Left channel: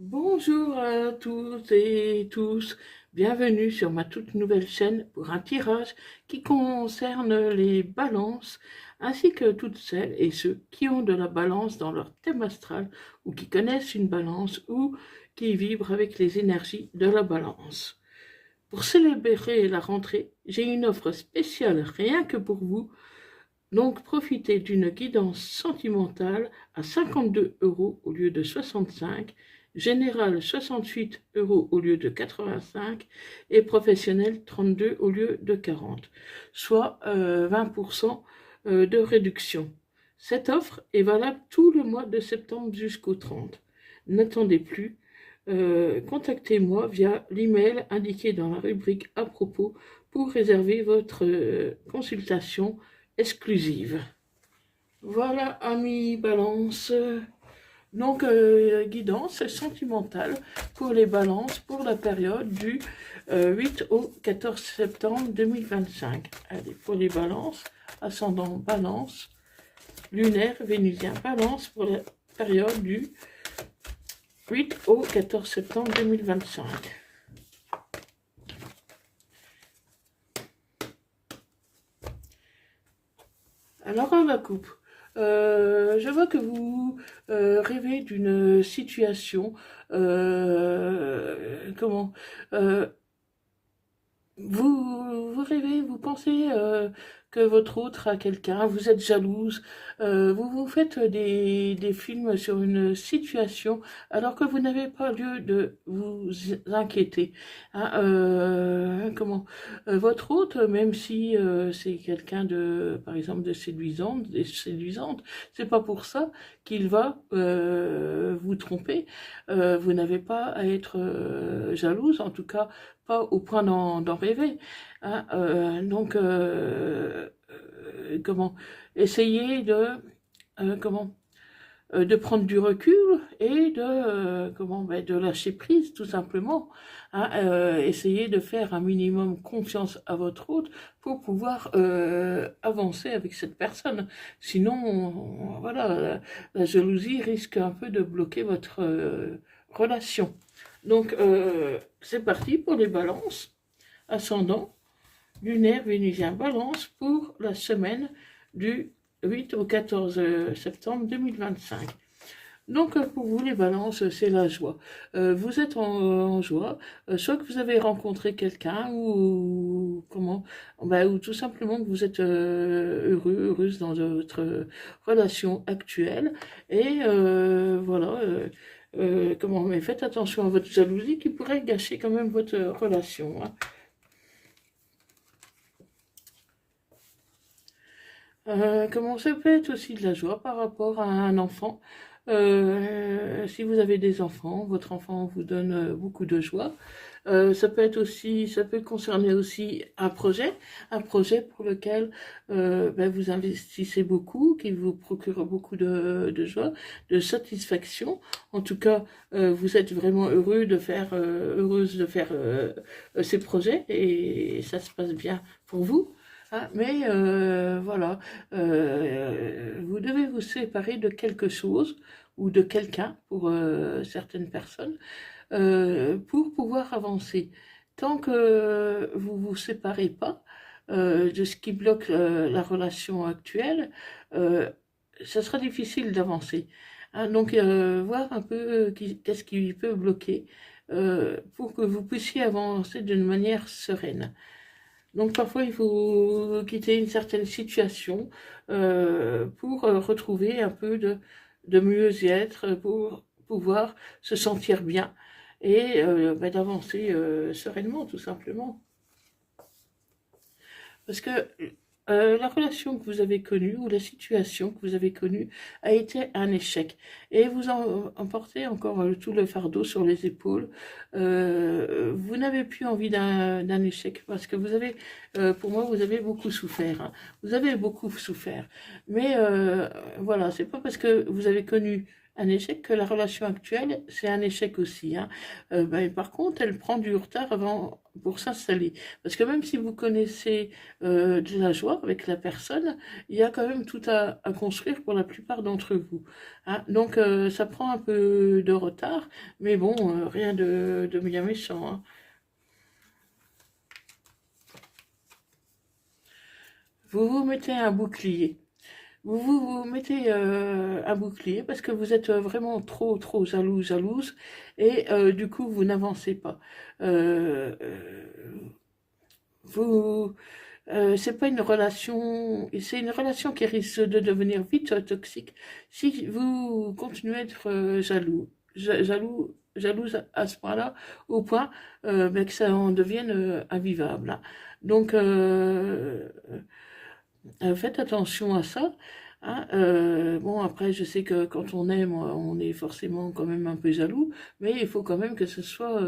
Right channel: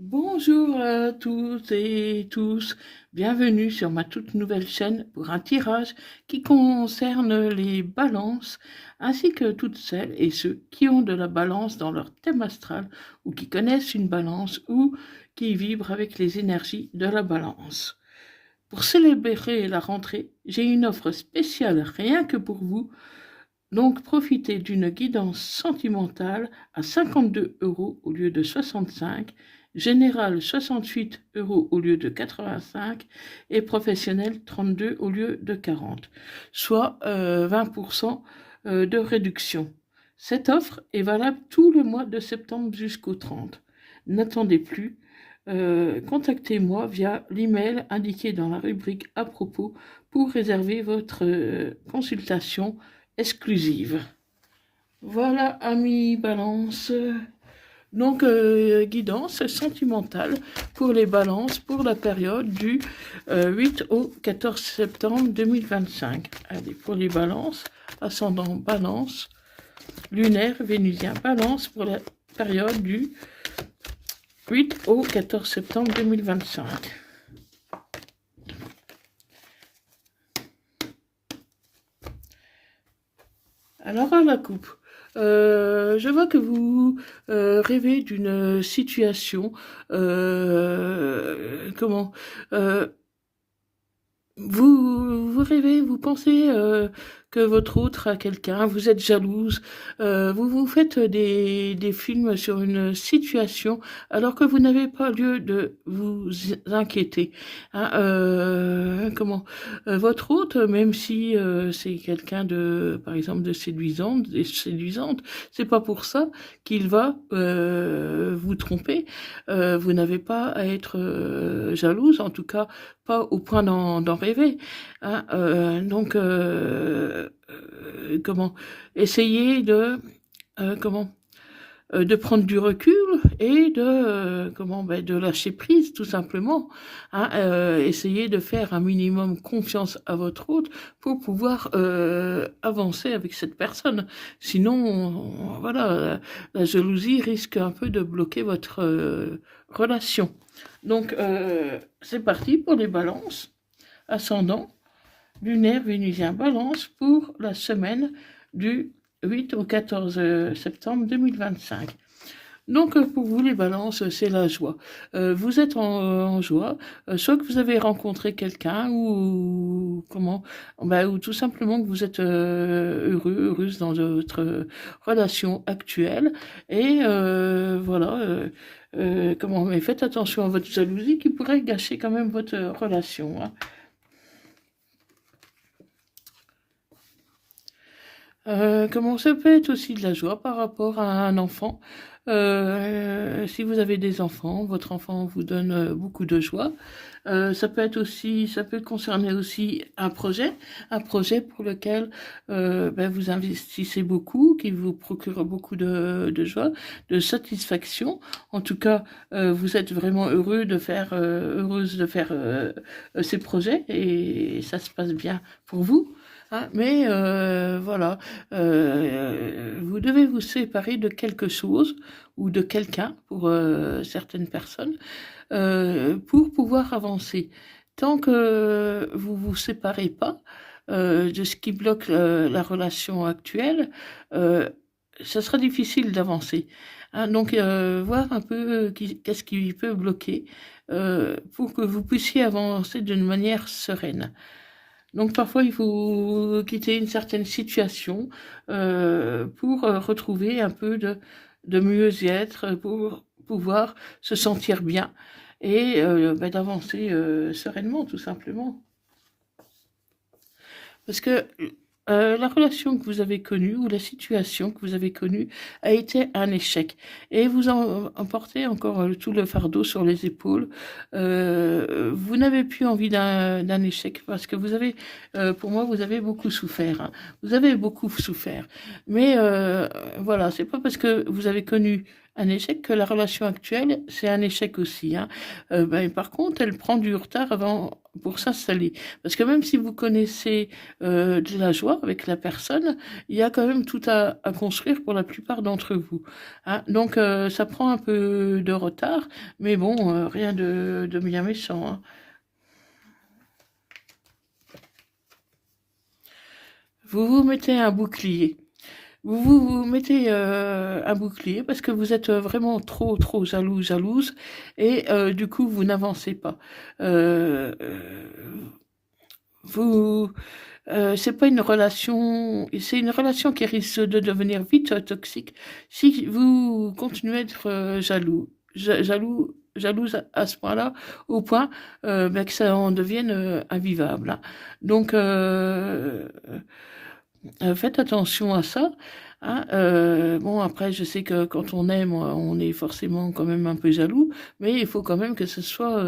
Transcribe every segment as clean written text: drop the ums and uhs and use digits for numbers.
Bonjour à toutes et tous, bienvenue sur ma toute nouvelle chaîne pour un tirage qui concerne les balances ainsi que toutes celles et ceux qui ont de la balance dans leur thème astral ou qui connaissent une balance ou qui vibrent avec les énergies de la balance. Pour célébrer la rentrée, j'ai une offre spéciale rien que pour vous, donc profitez d'une guidance sentimentale à 52 € au lieu de 65, générale 68 € au lieu de 85 et professionnelle 32 au lieu de 40, soit 20% de réduction. Cette offre est valable tout le mois de septembre jusqu'au 30. N'attendez plus, contactez-moi via l'email indiqué dans la rubrique à propos pour réserver votre consultation exclusive. Voilà, amis balance. Donc, guidance sentimentale pour les balances pour la période du 8 au 14 septembre 2025. Allez, pour les balances, ascendant balance, lunaire, vénusien balance pour la période du 8 au 14 septembre 2025. Alors, à la coupe. Je vois que vous rêvez d'une situation, comment, vous rêvez, vous pensez que votre autre a quelqu'un, vous êtes jalouse, vous vous faites des films sur une situation alors que vous n'avez pas lieu de vous inquiéter. Hein, votre autre, même si c'est quelqu'un de, par exemple, de séduisante, c'est pas pour ça qu'il va vous tromper. Vous n'avez pas à être jalouse, en tout cas pas au point d'en rêver. Hein, comment essayer de prendre du recul et de lâcher prise tout simplement. Hein, essayer de faire un minimum confiance à votre hôte pour pouvoir avancer avec cette personne. Sinon, voilà, la jalousie risque un peu de bloquer votre relation. Donc, c'est parti pour les balances. Ascendant, lunaire, vénusien, balance pour la semaine du 8 au 14 septembre 2025. Donc, pour vous, les balances, c'est la joie. Vous êtes en joie, soit que vous avez rencontré quelqu'un ou tout simplement que vous êtes heureuse dans votre relation actuelle. Et voilà, mais faites attention à votre jalousie qui pourrait gâcher quand même votre relation. Hein. Ça peut être aussi de la joie par rapport à un enfant. Si vous avez des enfants, votre enfant vous donne beaucoup de joie. Ça peut concerner aussi un projet pour lequel vous investissez beaucoup, qui vous procure beaucoup de joie, de satisfaction. En tout cas, vous êtes vraiment heureuse de faire ces projets et ça se passe bien pour vous. Hein, mais voilà, vous devez vous séparer de quelque chose ou de quelqu'un pour certaines personnes pour pouvoir avancer. Tant que vous ne vous séparez pas de ce qui bloque la relation actuelle, ça sera difficile d'avancer. Hein, donc, voir un peu qu'est-ce qui peut bloquer pour que vous puissiez avancer d'une manière sereine. Donc parfois, il faut quitter une certaine situation pour retrouver un peu de mieux-être, pour pouvoir se sentir bien et d'avancer sereinement, tout simplement. Parce que la relation que vous avez connue ou la situation que vous avez connue a été un échec. Et vous en portez encore tout le fardeau sur les épaules. Vous n'avez plus envie d'un échec parce que pour moi, vous avez beaucoup souffert. Hein. Vous avez beaucoup souffert. Mais voilà, c'est pas parce que vous avez connu un échec, que la relation actuelle, c'est un échec aussi. Hein. Par contre, elle prend du retard avant pour s'installer. Parce que même si vous connaissez de la joie avec la personne, il y a quand même tout à construire pour la plupart d'entre vous. Hein. Donc, ça prend un peu de retard, mais bon, rien de bien méchant. Hein. Vous vous mettez un bouclier. Vous mettez un bouclier parce que vous êtes vraiment trop jalouse, et du coup, vous n'avancez pas. Vous, c'est pas une relation, c'est une relation qui risque de devenir vite toxique si vous continuez à être jalouse à ce point-là, au point que ça en devienne invivable. Hein. Donc, faites attention à ça. Hein. Bon, après, je sais que quand on aime, on est forcément quand même un peu jaloux, mais il faut quand même que ce soit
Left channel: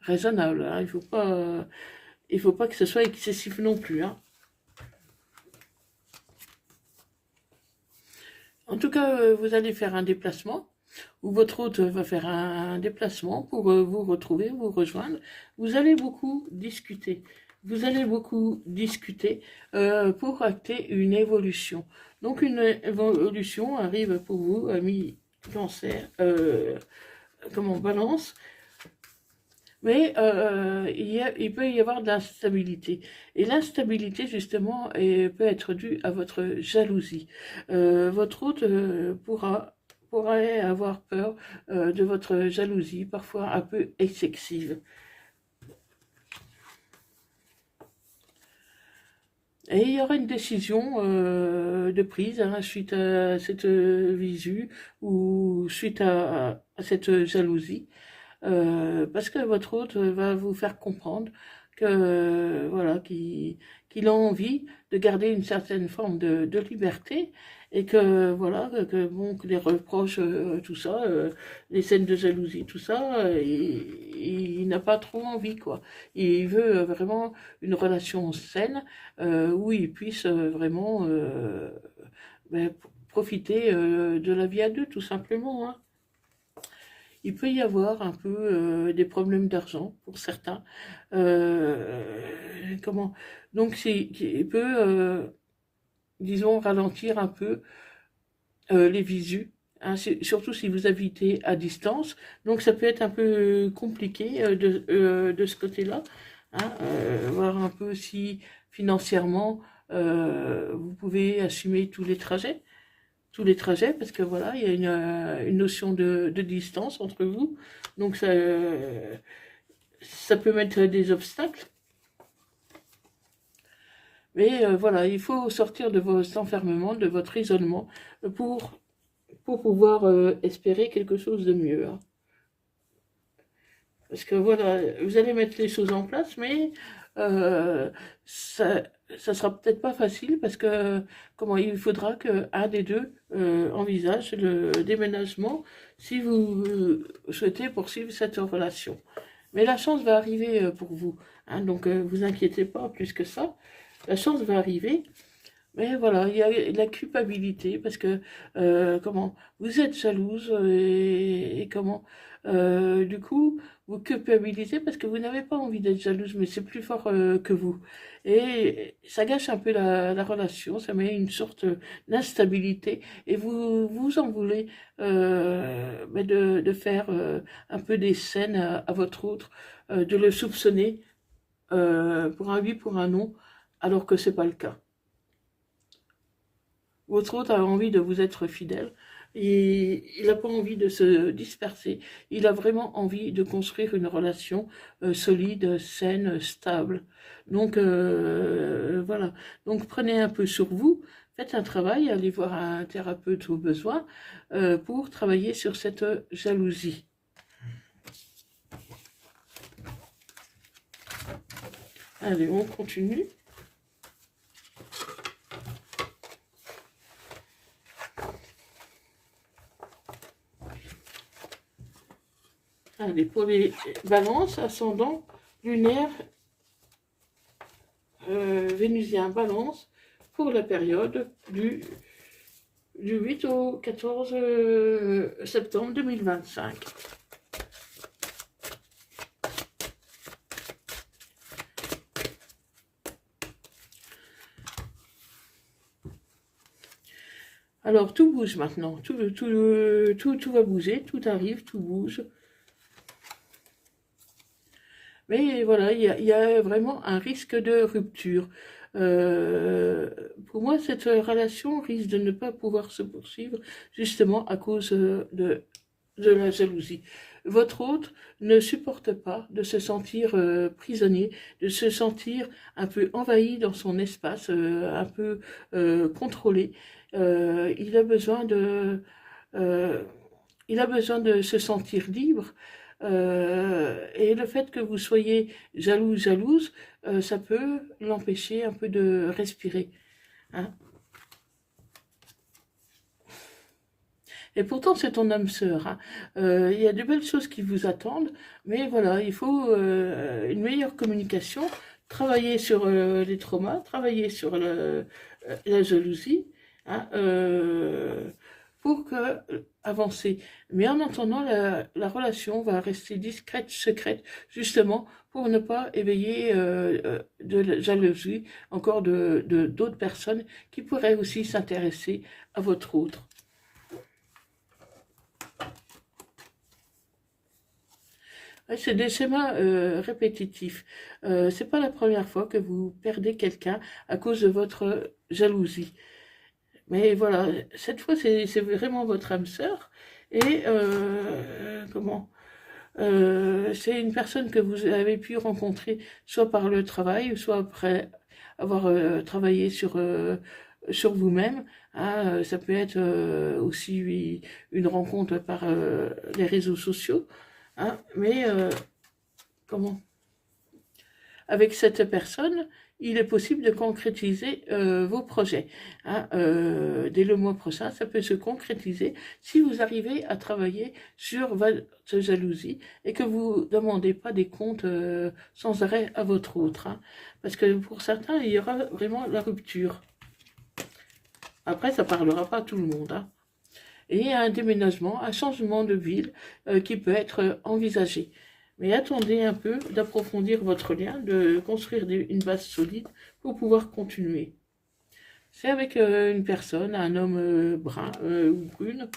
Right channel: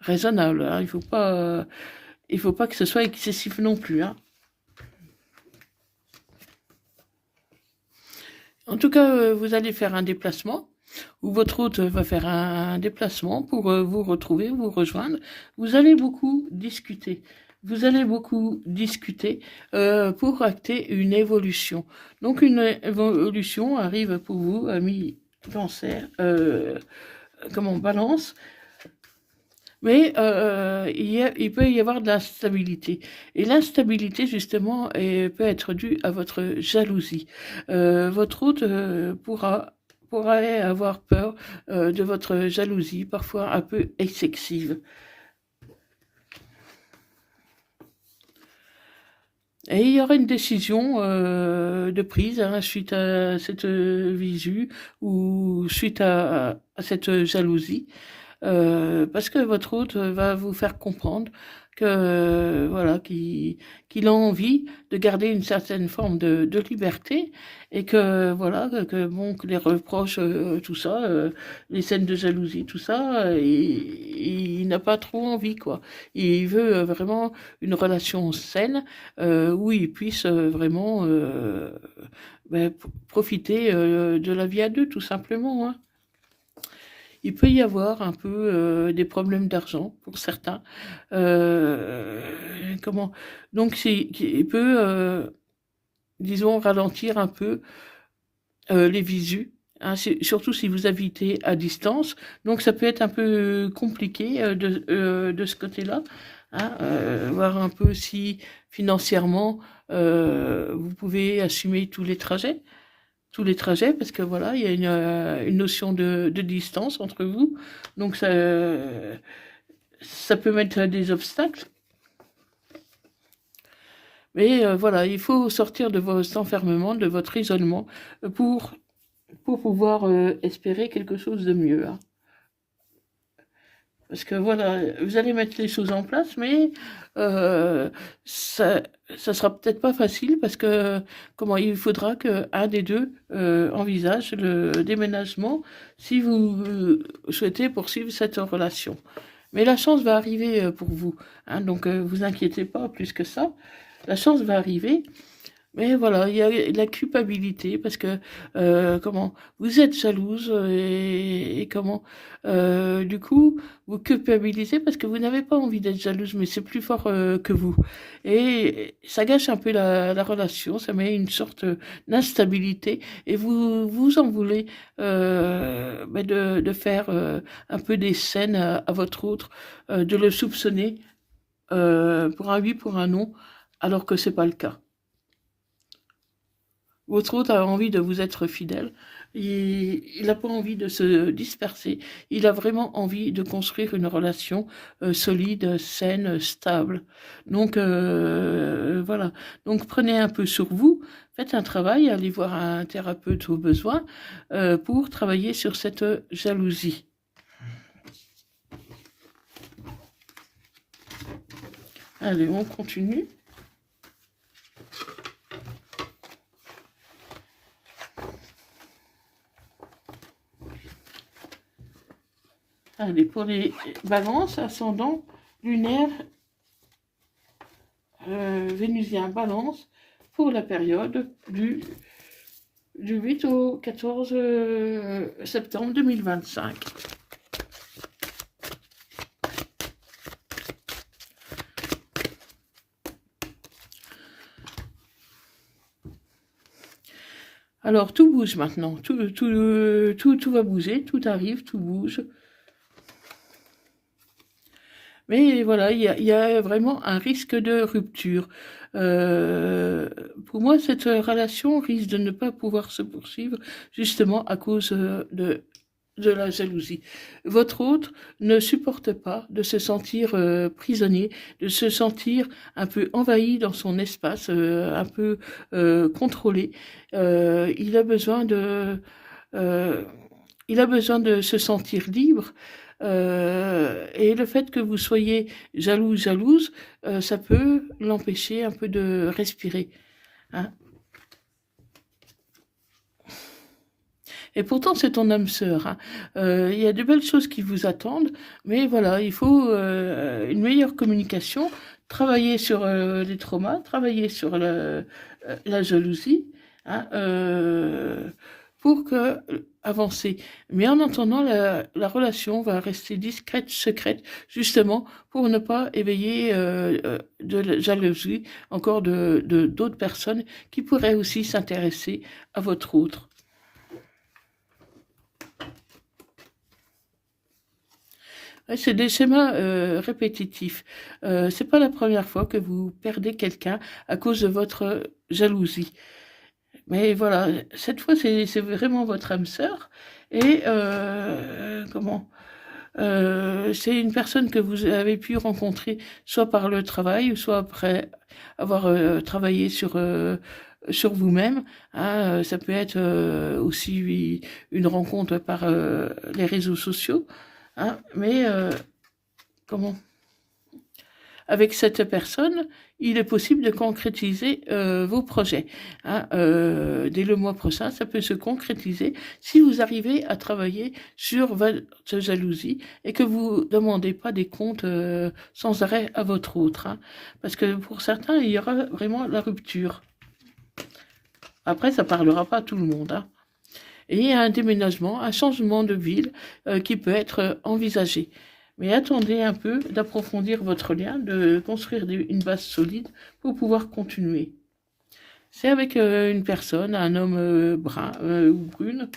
raisonnable. Hein. Il faut pas que ce soit excessif non plus. Hein. En tout cas, vous allez faire un déplacement, ou votre hôte va faire un déplacement pour vous retrouver, vous rejoindre. Vous allez beaucoup discuter. Vous allez beaucoup discuter pour acter une évolution. Donc une évolution arrive pour vous, ami Cancer, Balance, mais il peut y avoir de l'instabilité. Et l'instabilité, justement, peut être due à votre jalousie. Votre hôte pourrait avoir peur de votre jalousie, parfois un peu excessive. Et il y aura une décision de prise hein, suite à cette visu ou suite à cette jalousie. Parce que votre hôte va vous faire comprendre que voilà qu'il a envie de garder une certaine forme de liberté, et que voilà bon, que les reproches, tout ça, les scènes de jalousie, tout ça, il n'a pas trop envie quoi. Il veut vraiment une relation saine où il puisse vraiment profiter de la vie à deux, tout simplement. Hein. Il peut y avoir un peu des problèmes d'argent pour certains. Euh, comment Donc, il peut, disons, ralentir un peu les visus. Hein, surtout si vous habitez à distance. Donc, ça peut être un peu compliqué de ce côté-là. Hein, voir un peu si financièrement vous pouvez assumer tous les trajets, parce que voilà, il y a une notion de distance entre vous, donc ça peut mettre des obstacles, mais voilà, il faut sortir de votre enfermement, de votre isolement, pour pouvoir espérer quelque chose de mieux. Hein. Parce que voilà, vous allez mettre les choses en place, mais ça sera peut-être pas facile parce que il faudra qu'un des deux envisage le déménagement si vous souhaitez poursuivre cette relation. Mais la chance va arriver pour vous. Hein, donc vous inquiétez pas plus que ça. La chance va arriver. Mais voilà, il y a la culpabilité parce que vous êtes jalouse et du coup vous culpabilisez parce que vous n'avez pas envie d'être jalouse, mais c'est plus fort que vous, et ça gâche un peu la relation, ça met une sorte d'instabilité, et vous en voulez de faire un peu des scènes à votre autre, de le soupçonner pour un oui, pour un non, alors que c'est pas le cas. Votre hôte a envie de vous être fidèle, et il n'a pas envie de se disperser. Il a vraiment envie de construire une relation solide, saine, stable. Donc voilà. Donc prenez un peu sur vous, faites un travail, allez voir un thérapeute au besoin pour travailler sur cette jalousie. Allez, on continue. Allez, pour les balances, ascendant, lunaire, vénusien, balance, pour la période du du 8 au 14 septembre 2025. Alors, tout bouge maintenant, tout va bouger, tout arrive, tout bouge. Mais voilà, il y a vraiment un risque de rupture. Pour moi, cette relation risque de ne pas pouvoir se poursuivre justement à cause de la jalousie. Votre autre ne supporte pas de se sentir prisonnier, de se sentir un peu envahi dans son espace, un peu contrôlé. Il a besoin euh, il a besoin de se sentir libre. Et le fait que vous soyez jalouse, ça peut l'empêcher un peu de respirer. Hein. Et pourtant, c'est ton âme sœur. Hein. Il y a de belles choses qui vous attendent, mais voilà, il faut une meilleure communication, travailler sur les traumas, travailler sur la jalousie, hein, pour avancer. Mais en attendant, la relation va rester discrète, secrète, justement pour ne pas éveiller de la jalousie encore d'autres personnes qui pourraient aussi s'intéresser à votre autre. Ouais, c'est des schémas répétitifs. C'est pas la première fois que vous perdez quelqu'un à cause de votre jalousie. Mais voilà, cette fois, c'est vraiment votre âme sœur. Et c'est une personne que vous avez pu rencontrer soit par le travail, soit après avoir travaillé sur vous-même. Hein, ça peut être aussi une rencontre par les réseaux sociaux. Hein, mais comment avec cette personne, il est possible de concrétiser vos projets. Hein. Dès le mois prochain, ça peut se concrétiser si vous arrivez à travailler sur votre jalousie et que vous ne demandez pas des comptes sans arrêt à votre autre. Hein. Parce que pour certains, il y aura vraiment la rupture. Après, ça ne parlera pas à tout le monde. Hein. Et il y a un déménagement, un changement de ville qui peut être envisagé. Mais attendez un peu d'approfondir votre lien, de construire une base solide pour pouvoir continuer. C'est avec une personne, un homme brun ou brune.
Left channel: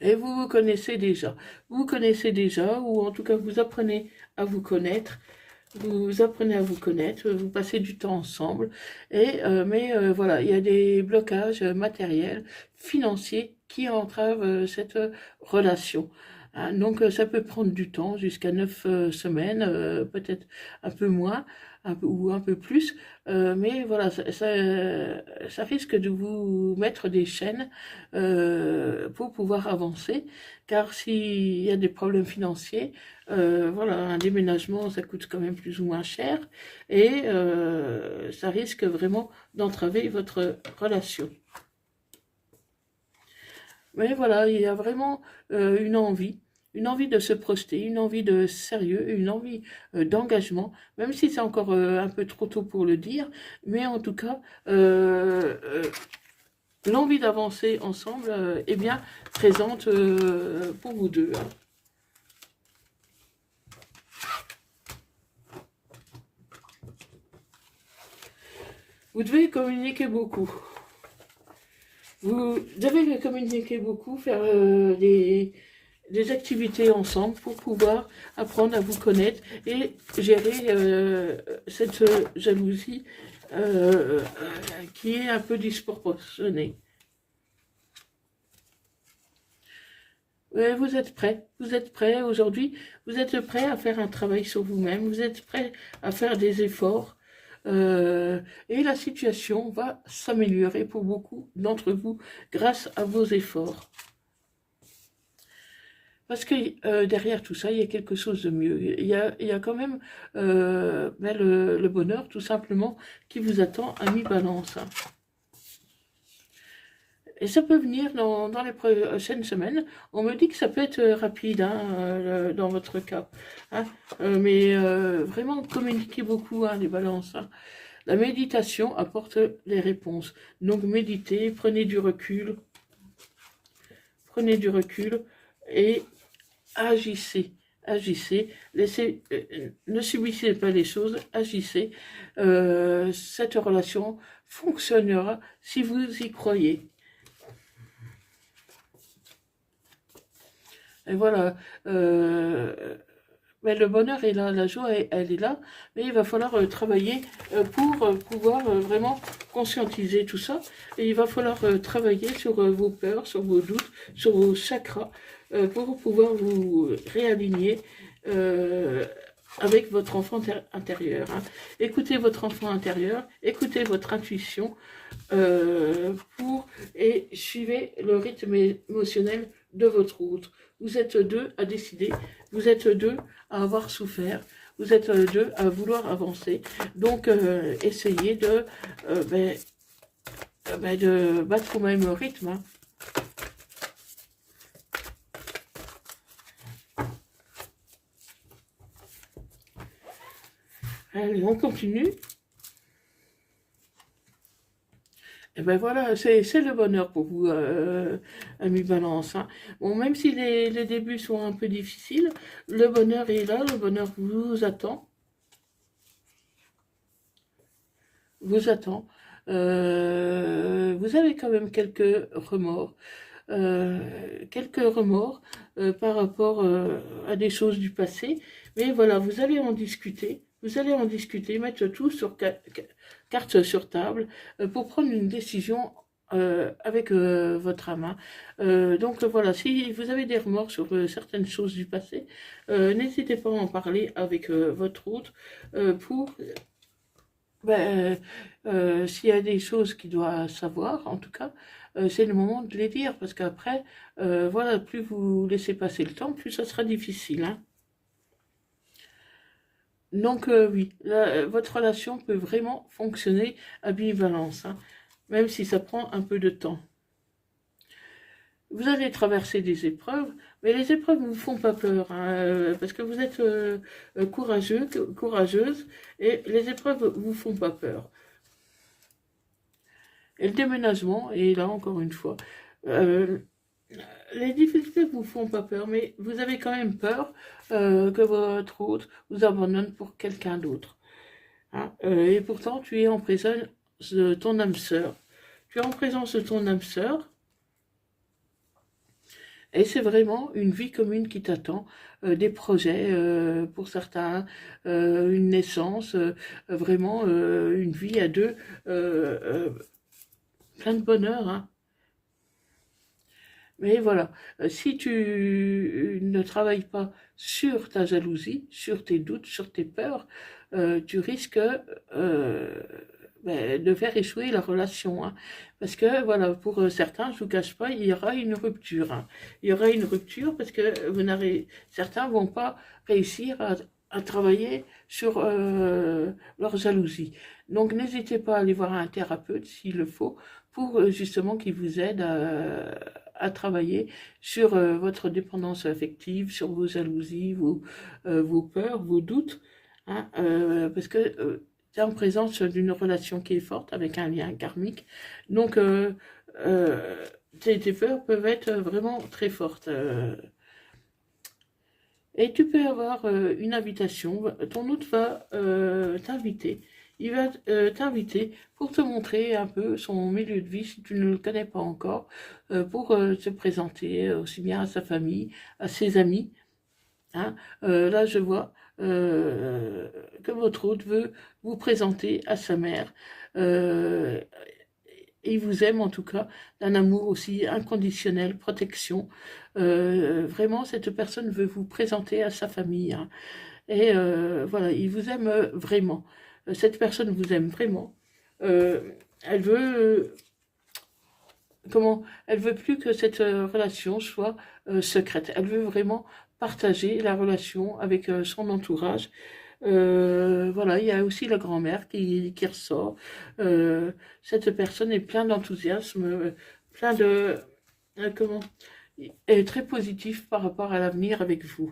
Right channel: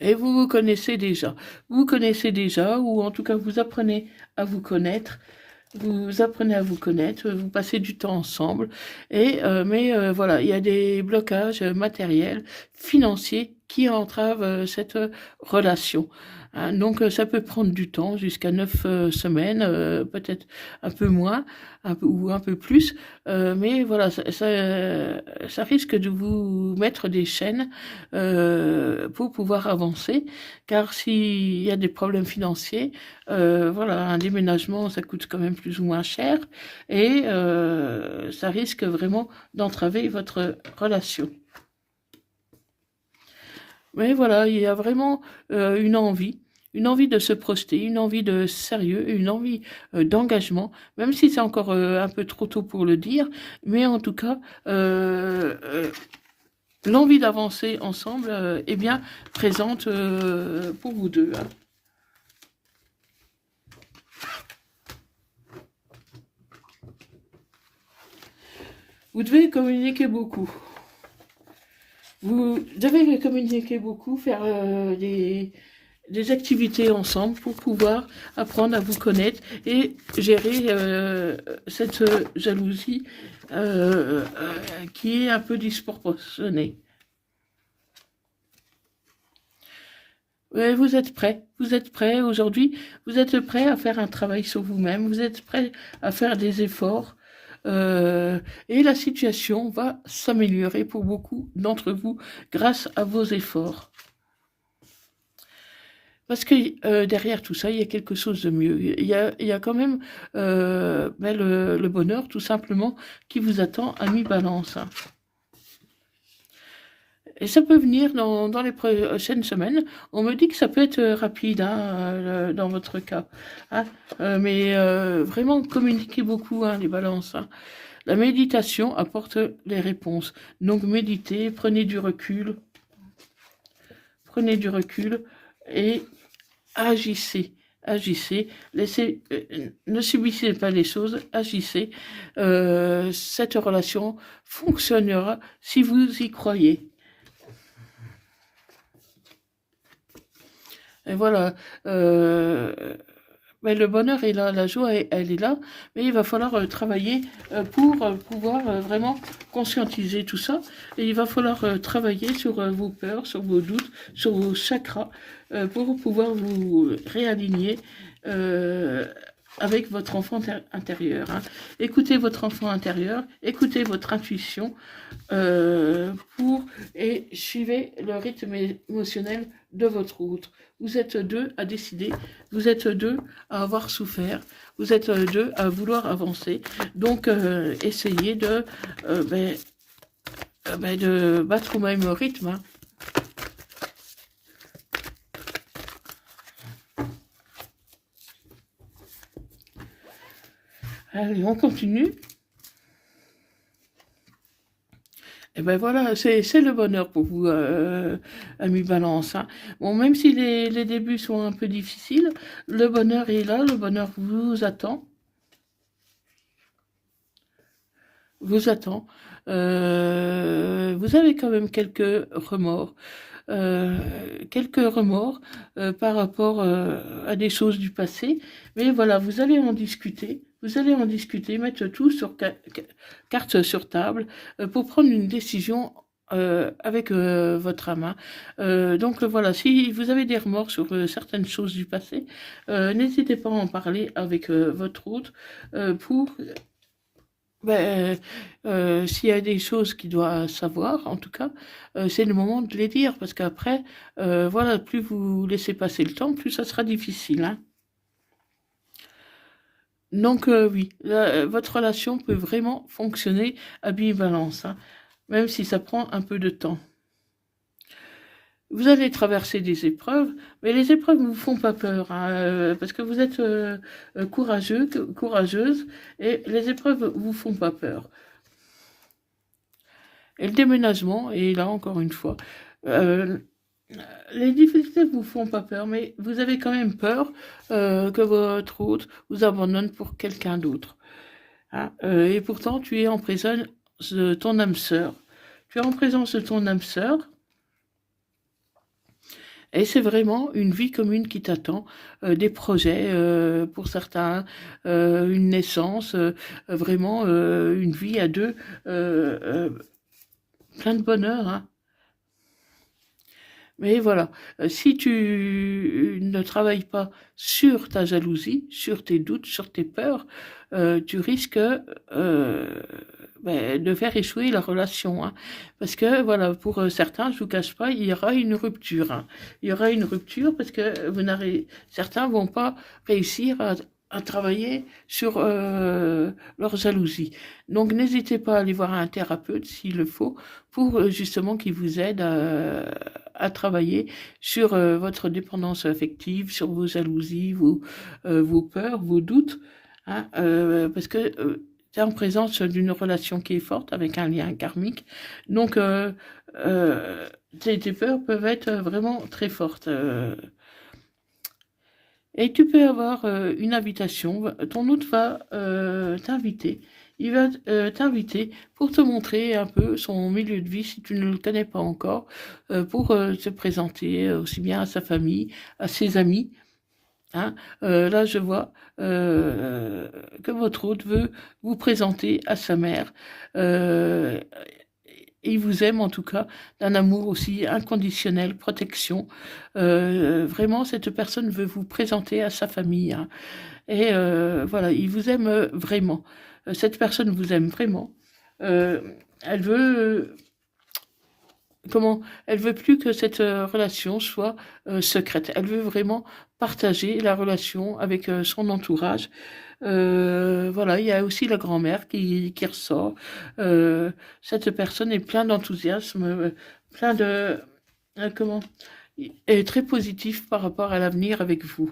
Et vous vous connaissez déjà. Vous connaissez déjà, ou en tout cas vous apprenez à vous connaître. Vous apprenez à vous connaître, vous passez du temps ensemble, mais voilà, il y a des blocages matériels, financiers qui entravent cette relation. Hein. Donc ça peut prendre du temps, jusqu'à 9 semaines, peut-être un peu moins ou un peu plus, mais voilà, ça risque de vous mettre des chaînes pour pouvoir avancer, car s'il y a des problèmes financiers, voilà, un déménagement, ça coûte quand même plus ou moins cher et ça risque vraiment d'entraver votre relation. Mais voilà, il y a vraiment une envie de se projeter, une envie de sérieux, une envie d'engagement, même si c'est encore un peu trop tôt pour le dire, mais en tout cas, l'envie d'avancer ensemble est bien présente pour vous deux. Hein. Vous devez communiquer beaucoup. Vous devez communiquer beaucoup, faire des activités ensemble pour pouvoir apprendre à vous connaître et gérer cette jalousie qui est un peu disproportionnée. Ouais, vous êtes prêt aujourd'hui, vous êtes prêt à faire un travail sur vous-même, vous êtes prêt à faire des efforts. Et la situation va s'améliorer pour beaucoup d'entre vous grâce à vos efforts. Parce que derrière tout ça, il y a quelque chose de mieux. Il y a quand même le bonheur, tout simplement, qui vous attend à mi-balance. Hein. Et ça peut venir dans les prochaines semaines. On me dit que ça peut être rapide hein, dans votre cas. Hein. Mais vraiment communiquez beaucoup, hein, les balances. Hein. La méditation apporte les réponses. Donc méditez, prenez du recul et agissez. Agissez, ne subissez pas les choses, agissez. Cette relation fonctionnera si vous y croyez. Et voilà. Mais le bonheur est là, la joie, elle est là, mais il va falloir travailler pour pouvoir vraiment conscientiser tout ça. Et il va falloir travailler sur vos peurs, sur vos doutes, sur vos chakras, pour pouvoir vous réaligner avec votre enfant intérieur. Hein. Écoutez votre enfant intérieur, écoutez votre intuition et suivez le rythme émotionnel de votre route. Vous êtes deux à décider, vous êtes deux à avoir souffert, vous êtes deux à vouloir avancer. Donc, essayez de battre au même rythme. Hein. Allez, on continue. Et ben voilà, c'est le bonheur pour vous, amis Balance. Hein. Bon, même si les débuts sont un peu difficiles, le bonheur est là, le bonheur vous attend. Vous attend. Vous avez quand même quelques remords. Par rapport à des choses du passé. Mais voilà, vous allez en discuter. Vous allez en discuter, mettre tout sur carte sur table pour prendre une décision avec votre âme. Donc voilà, si vous avez des remords sur certaines choses du passé, n'hésitez pas à en parler avec votre hôte pour s'il y a des choses qu'il doit savoir, en tout cas, c'est le moment de les dire, parce qu'après, voilà, plus vous laissez passer le temps, plus ça sera difficile. Hein. Donc oui, votre relation peut vraiment fonctionner à bivalence, hein, même si ça prend un peu de temps. Vous allez traverser des épreuves, mais les épreuves ne vous font pas peur, hein, parce que vous êtes courageuse, et les épreuves ne vous font pas peur. Et le déménagement, et là encore une fois, les difficultés ne vous font pas peur, mais vous avez quand même peur que votre hôte vous abandonne pour quelqu'un d'autre. Hein. Et pourtant, tu es en présence de ton âme sœur. Tu es en présence de ton âme sœur. Et c'est vraiment une vie commune qui t'attend, des projets pour certains, une naissance, vraiment une vie à deux, plein de bonheur. Hein. Mais voilà, si tu ne travailles pas sur ta jalousie, sur tes doutes, sur tes peurs, tu risques de faire échouer la relation. Hein. Parce que, voilà, pour certains, je ne vous cache pas, il y aura une rupture. Hein. Il y aura une rupture parce que certains ne vont pas réussir à travailler sur leur jalousie. Donc, n'hésitez pas à aller voir un thérapeute s'il le faut pour justement qu'il vous aide à travailler sur votre dépendance affective, sur vos jalousies, vos peurs, vos doutes. Hein, parce que tu es en présence d'une relation qui est forte avec un lien karmique. Donc, tes peurs peuvent être vraiment très fortes. Et tu peux avoir une invitation. Ton hôte va t'inviter. Il va t'inviter pour te montrer un peu son milieu de vie si tu ne le connais pas encore, pour te présenter aussi bien à sa famille, à ses amis. Hein. Là, je vois que votre hôte veut vous présenter à sa mère. Il vous aime en tout cas, d'un amour aussi inconditionnel, protection. Vraiment, cette personne veut vous présenter à sa famille. Hein. Et voilà, il vous aime vraiment. Cette personne vous aime vraiment. Elle veut... Elle veut plus que cette relation soit secrète. Elle veut vraiment partager la relation avec son entourage. Voilà, il y a aussi la grand-mère qui ressort. Cette personne est pleine d'enthousiasme, plein de... comment est très positif par rapport à l'avenir avec vous.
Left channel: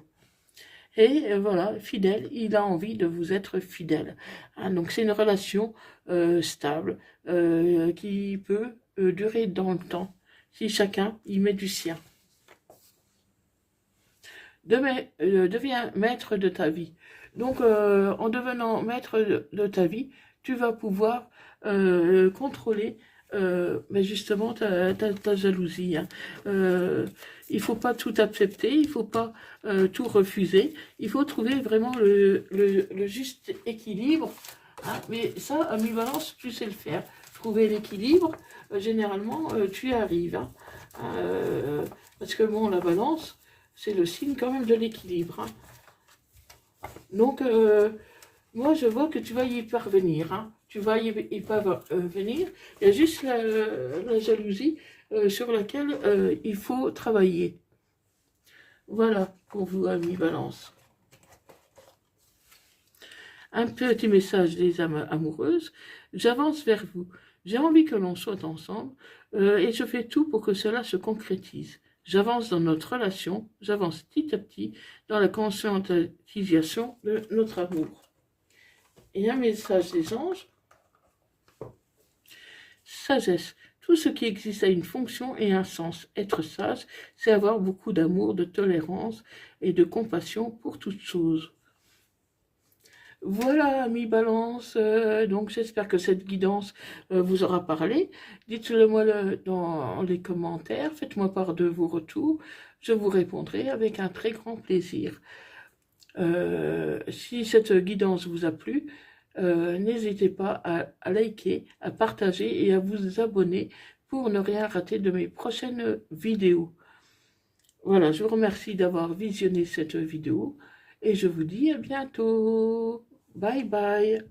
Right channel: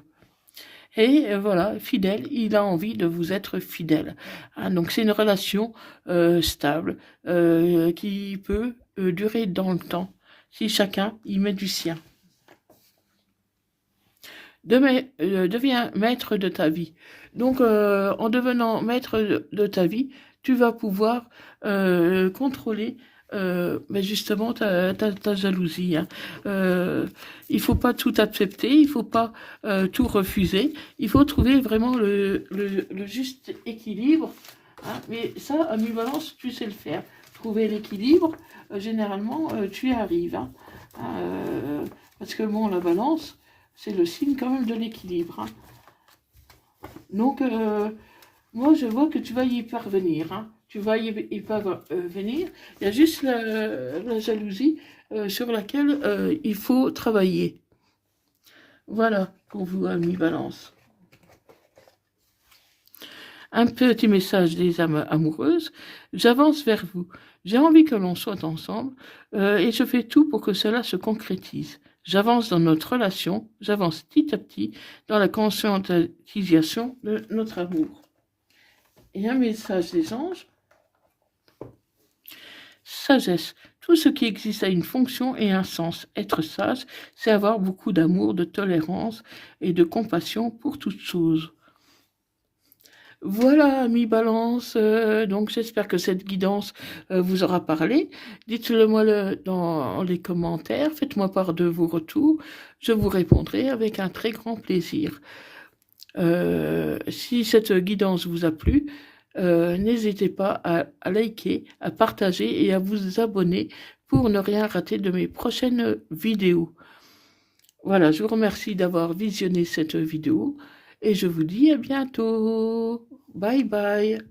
Et voilà, fidèle, il a envie de vous être fidèle. Hein, donc c'est une relation stable qui peut durer dans le temps si chacun y met du sien. Deviens maître de ta vie. Donc en devenant maître de ta vie, tu vas pouvoir contrôler mais justement ta jalousie. Hein. Il ne faut pas tout accepter, il ne faut pas tout refuser, il faut trouver vraiment le juste équilibre. Hein. Mais ça, à mi-balance, tu sais le faire. Trouver l'équilibre, généralement, tu y arrives. Hein. Parce que bon, la balance, c'est le signe quand même de l'équilibre. Hein. Donc, moi, je vois que tu vas y parvenir. Hein. Tu vas y parvenir. Il y a juste la jalousie sur laquelle il faut travailler. Voilà pour vous, amis Balance. Un petit message des âmes amoureuses. J'avance vers vous. J'ai envie que l'on soit ensemble et je fais tout pour que cela se concrétise. J'avance dans notre relation, j'avance petit à petit dans la conscientisation de notre amour. Et un message des anges. Sagesse. Tout ce qui existe a une fonction et un sens. Être sage, c'est avoir beaucoup d'amour, de tolérance et de compassion pour toutes choses. Voilà, amis Balance, donc j'espère que cette guidance vous aura parlé. Dites-le moi dans les commentaires, faites-moi part de vos retours, je vous répondrai avec un très grand plaisir. Si cette guidance vous a plu, n'hésitez pas à liker, à partager et à vous abonner pour ne rien rater de mes prochaines vidéos. Voilà, je vous remercie d'avoir visionné cette vidéo et je vous dis à bientôt. Bye bye.